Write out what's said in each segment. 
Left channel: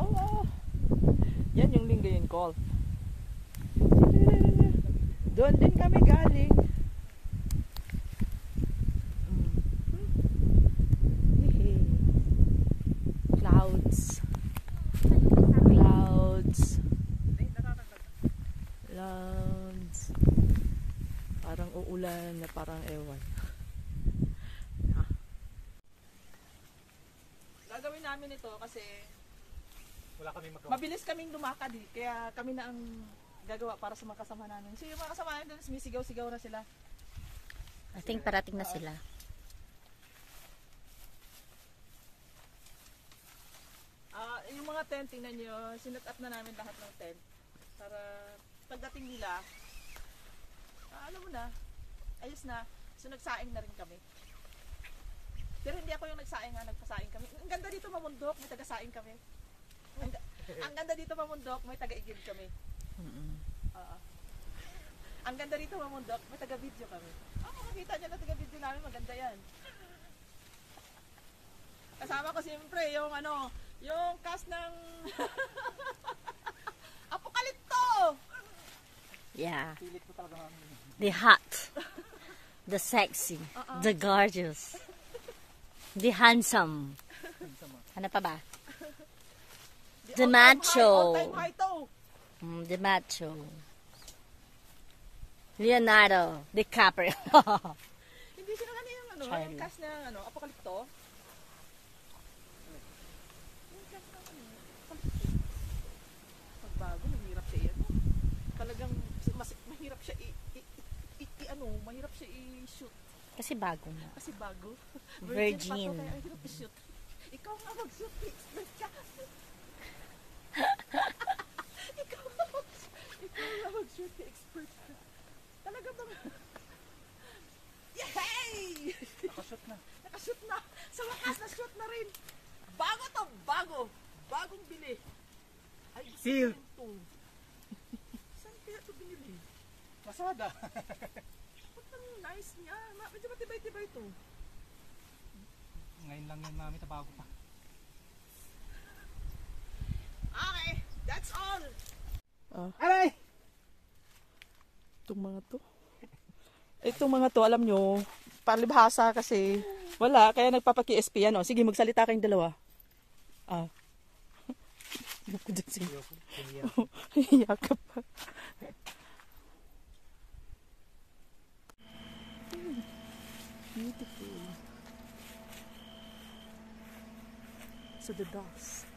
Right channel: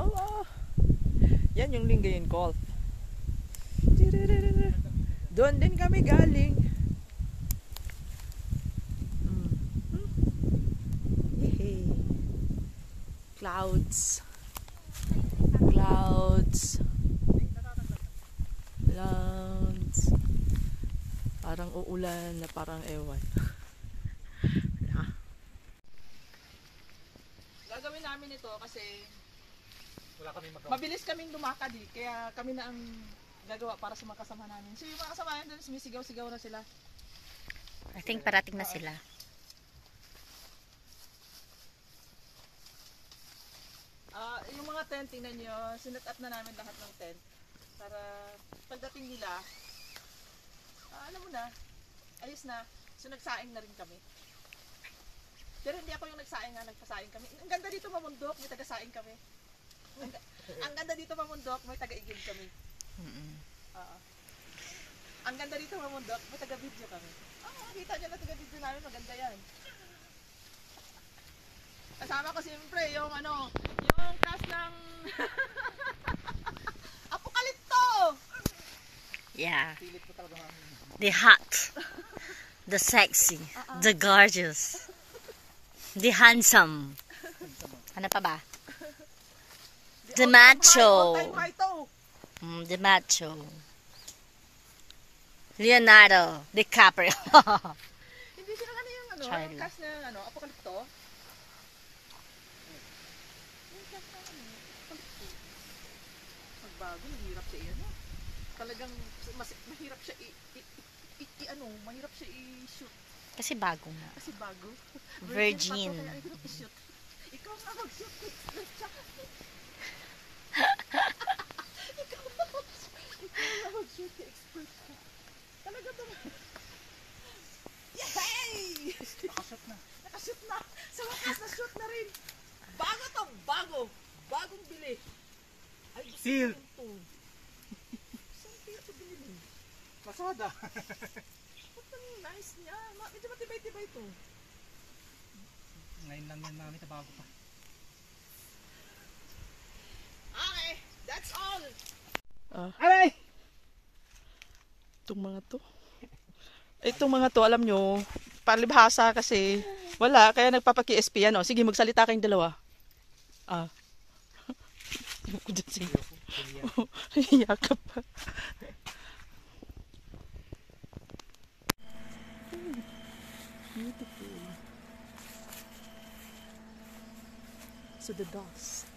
Oh, yan yung Lingayen Golf. Doon din kami galing. Clouds. Parang uulan na parang ewan. Gagawin namin ito kasi wala kaming magawa. Mabilis kaming lumakad eh. Kaya kami na ang gagawa para sa mga kasama namin. So yung mga kasama namin sumisigaw-sigaw na sila. I think parating na sila. Yung mga tent, tingnan nyo, sinat up na namin lahat ng tent. Para pagdating nila, alam mo na, ayos na. So nagsaing na rin kami. Pero hindi ako yung nagsaing nga, nagpasaing kami. Ang ganda dito mamundok, may taga-saing kami. Ang ganda dito mamundok, may taga-igib kami. Ang ganda dito mamundok, may taga-video kami. Makikita nyo na taga-video namin, maganda yan. Kasama ko siyempre yung yung cast ng Apokalipto! Yeah. Pilit ko talaga namin. The hot, the sexy, the gorgeous, the handsome. Ano pa ba? The macho. The macho. Leonardo DiCaprio. Hindi sila yung yung cast ng Apokalipto? Magbago, mahirap siya yan. Talagang mahirap siya mahirap siya i-shoot. Kasi bago nga. Kasi bago. Virgin. Ikaw nga mag-shoot. Ikaw nga mag-shoot. Expert ka. Talaga ba? Yay! Nakashoot na. Nakashoot na. Sa wakas na shoot na rin. Bago to. Bago. Bagong bili. Ay, Seal. Saan kaya ito binili? Lazada. Nice niya. Medyo matibay-tibay ito. Ngayon lang yan mami, tabago pa. Okay, that's all. Aray! Itong mga to, alam nyo, palibhasa kasi wala, kaya nagpapaki-SP yan. Sige, magsalita kayong dalawa. Yakap pa. Beautiful. So the dust.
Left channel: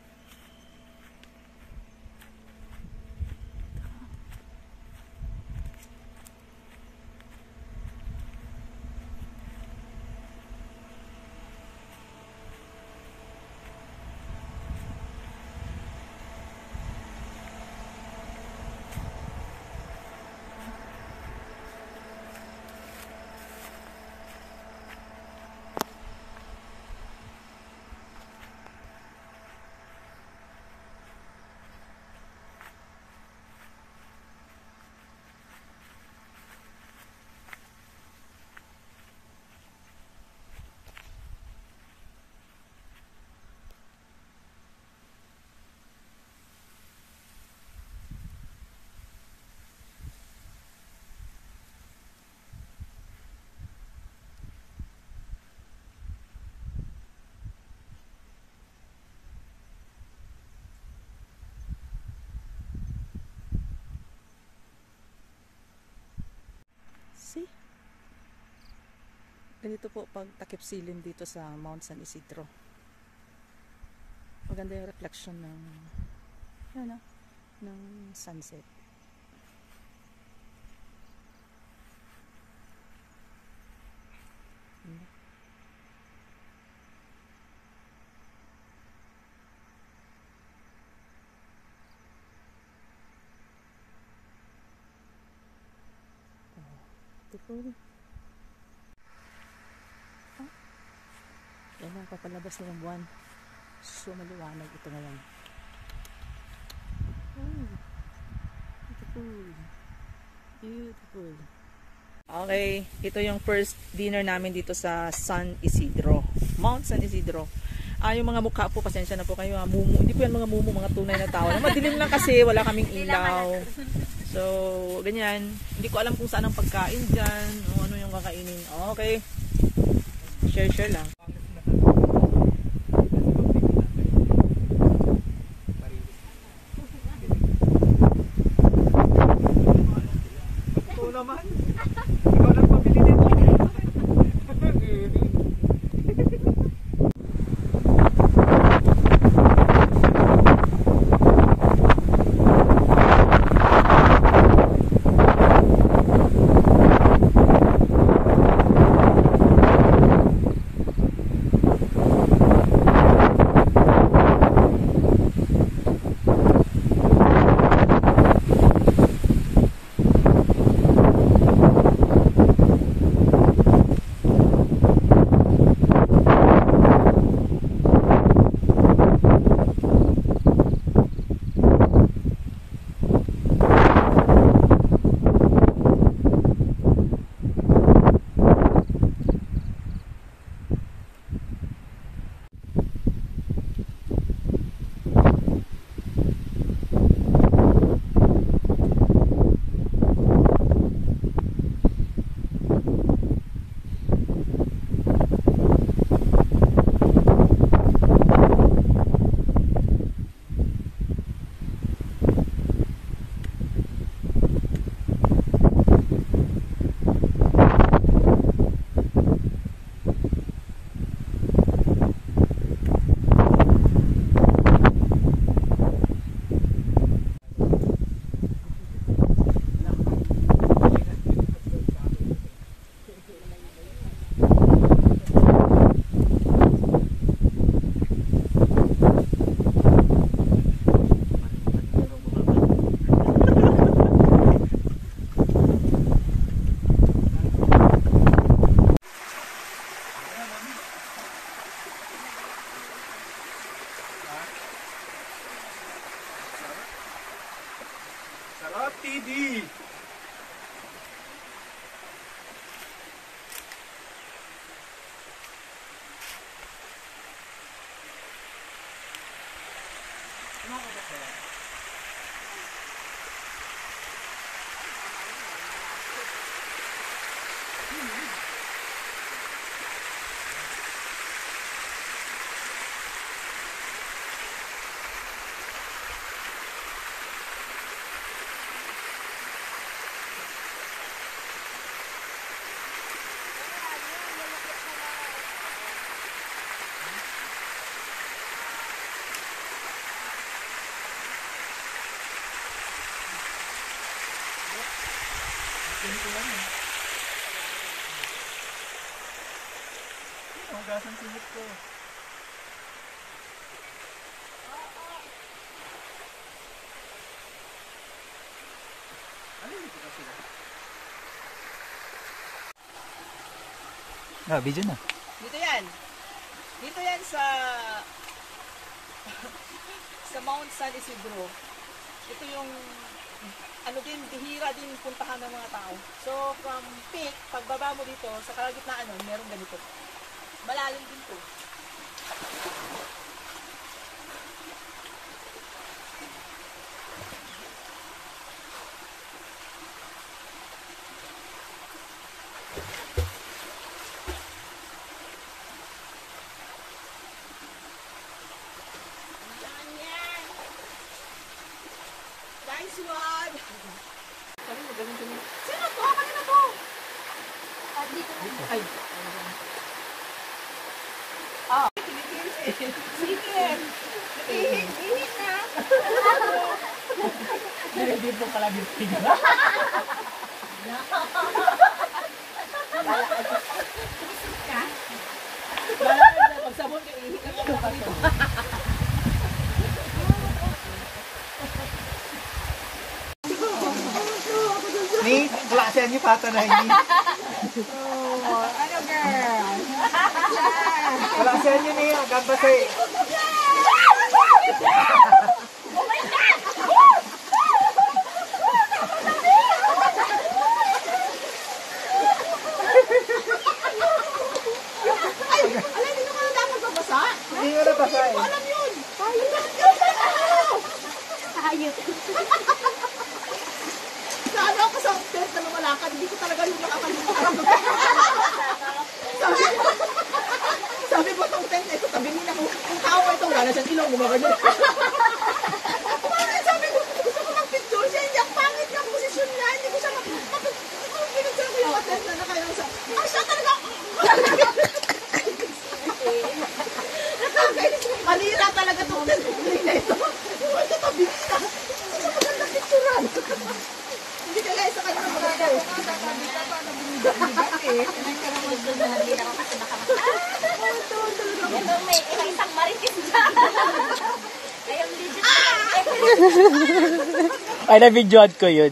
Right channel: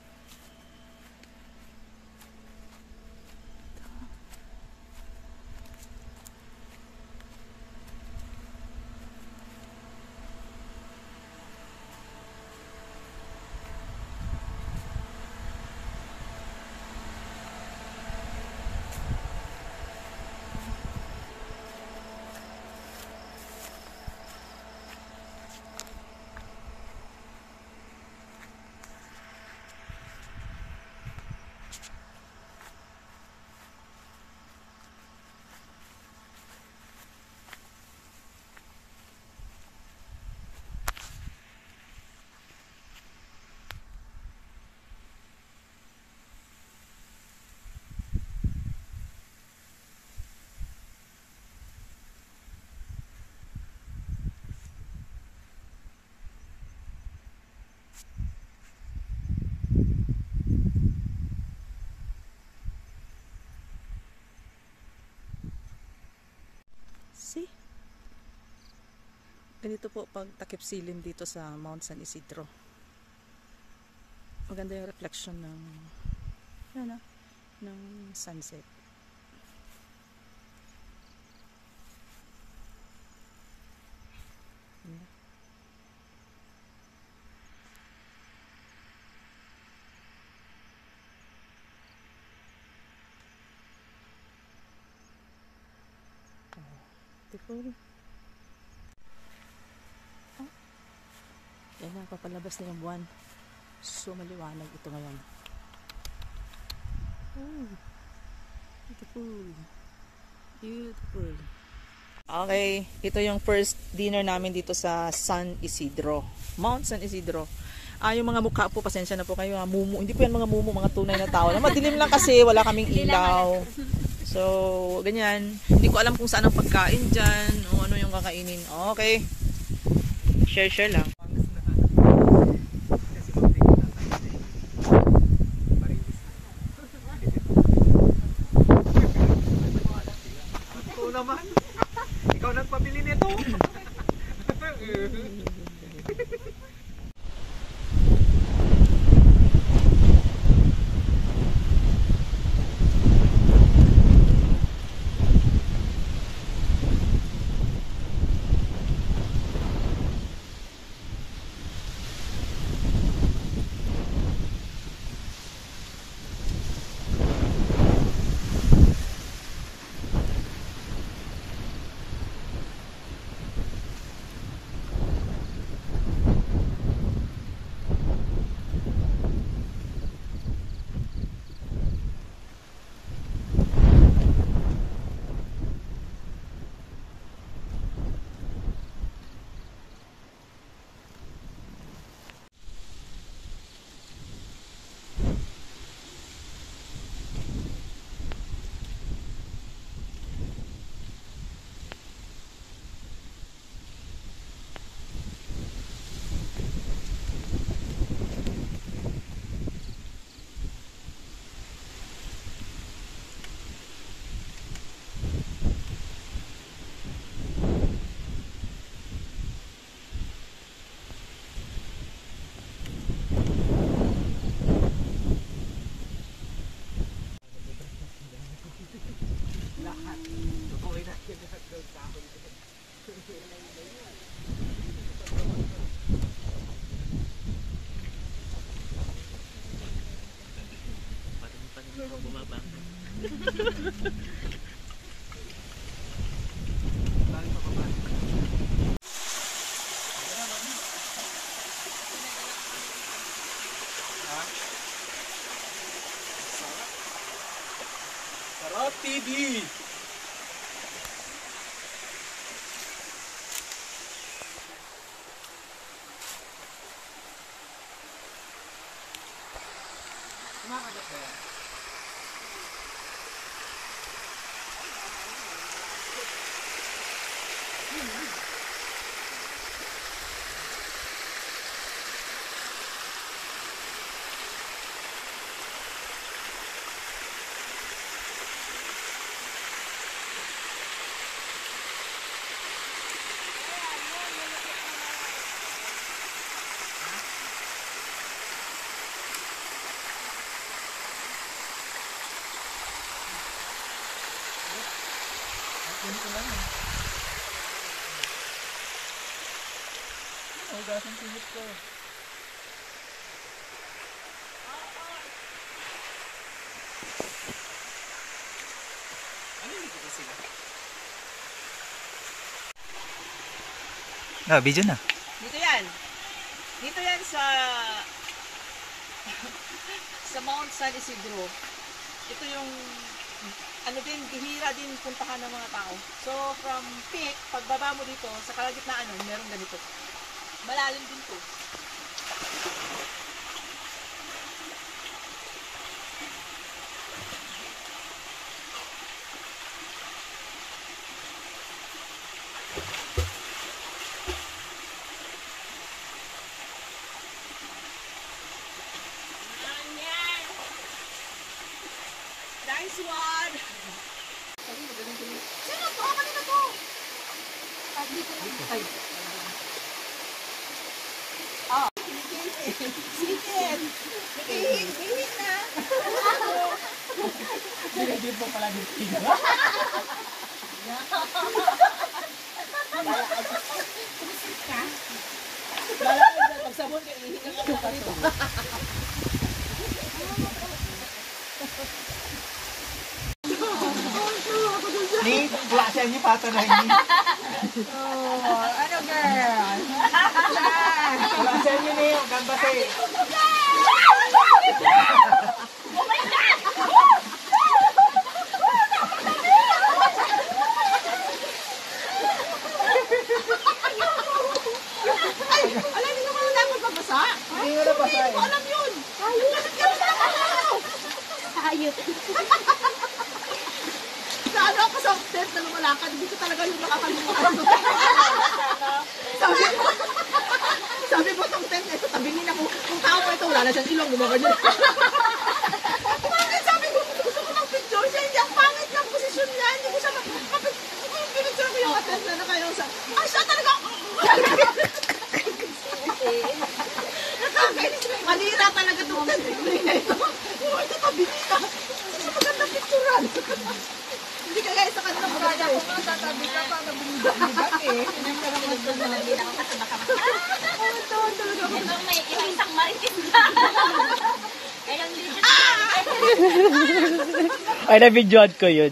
See? Ganito po pag takip silim dito sa Mount San Isidro. Maganda yung reflection ng ng sunset. Beautiful. Yan na, papalabas na yung buwan. So, maliwanag ito ngayon. Oh, beautiful. Beautiful. Okay, ito yung first dinner namin dito sa San Isidro. Mount San Isidro. Yung mga mukha po, pasensya na po kayo. Mumu. Hindi po yan mga mumu, mga tunay na tao. Madilim lang kasi, wala kaming ilaw. So, ganyan. Hindi ko alam kung saan ang pagkain dyan, o ano yung kakainin. Okay. Share lang. Ikaw naman. Ikaw nang pabili nito. Sarap TV! Hugasan simit ko. Ano yung dito sila? Video na. Dito yan. Dito yan sa sa Mount San Isidro. Ito yung ano din, bihira din puntahan ng mga tao. So, from peak, pagbaba mo dito, sa kalagitnaan nun, meron ganito. Malalim din to. Nice one! Sabi mo, ganun. Sino to? Kanina to? Dito lang. Ay. Sikit! Hihit na! Hindi po pala dito. Bala ka dyan, pag sabon ka, ihit na lang ako dito. Ni, siya niyo patanayin. Ano girl? Wala siya niyo ni, gambase. Ay, alam niyo mo na dapat babasa? Hindi ko na Sana ako sa tent na lumalakad, hindi ko talaga yung nakakalimutan. Sabi ko itong tent na ito, tabingin ako. Kung tao ko ito, wala siyang ilong, lumabas niya. Sabi ko, gusto ko ng picture siya, hindi ang pangit ng posisyon niya, hindi ko siya mapapit. Pinicture ko yung tent na nakayong sa, ay siya talaga. Manira talaga itong tent. Manira ito. Ito tabingin ako. Gusto ko maganda picturean. Hindi kaya isa ka naman brada ko nga, tatabi ka pa na bumigat-bigat eh. Pinagkaroon ko na hindi nakakasama ka. Ito may isang marikin ka. Kayang legit na Ay, na-videoan ko yun.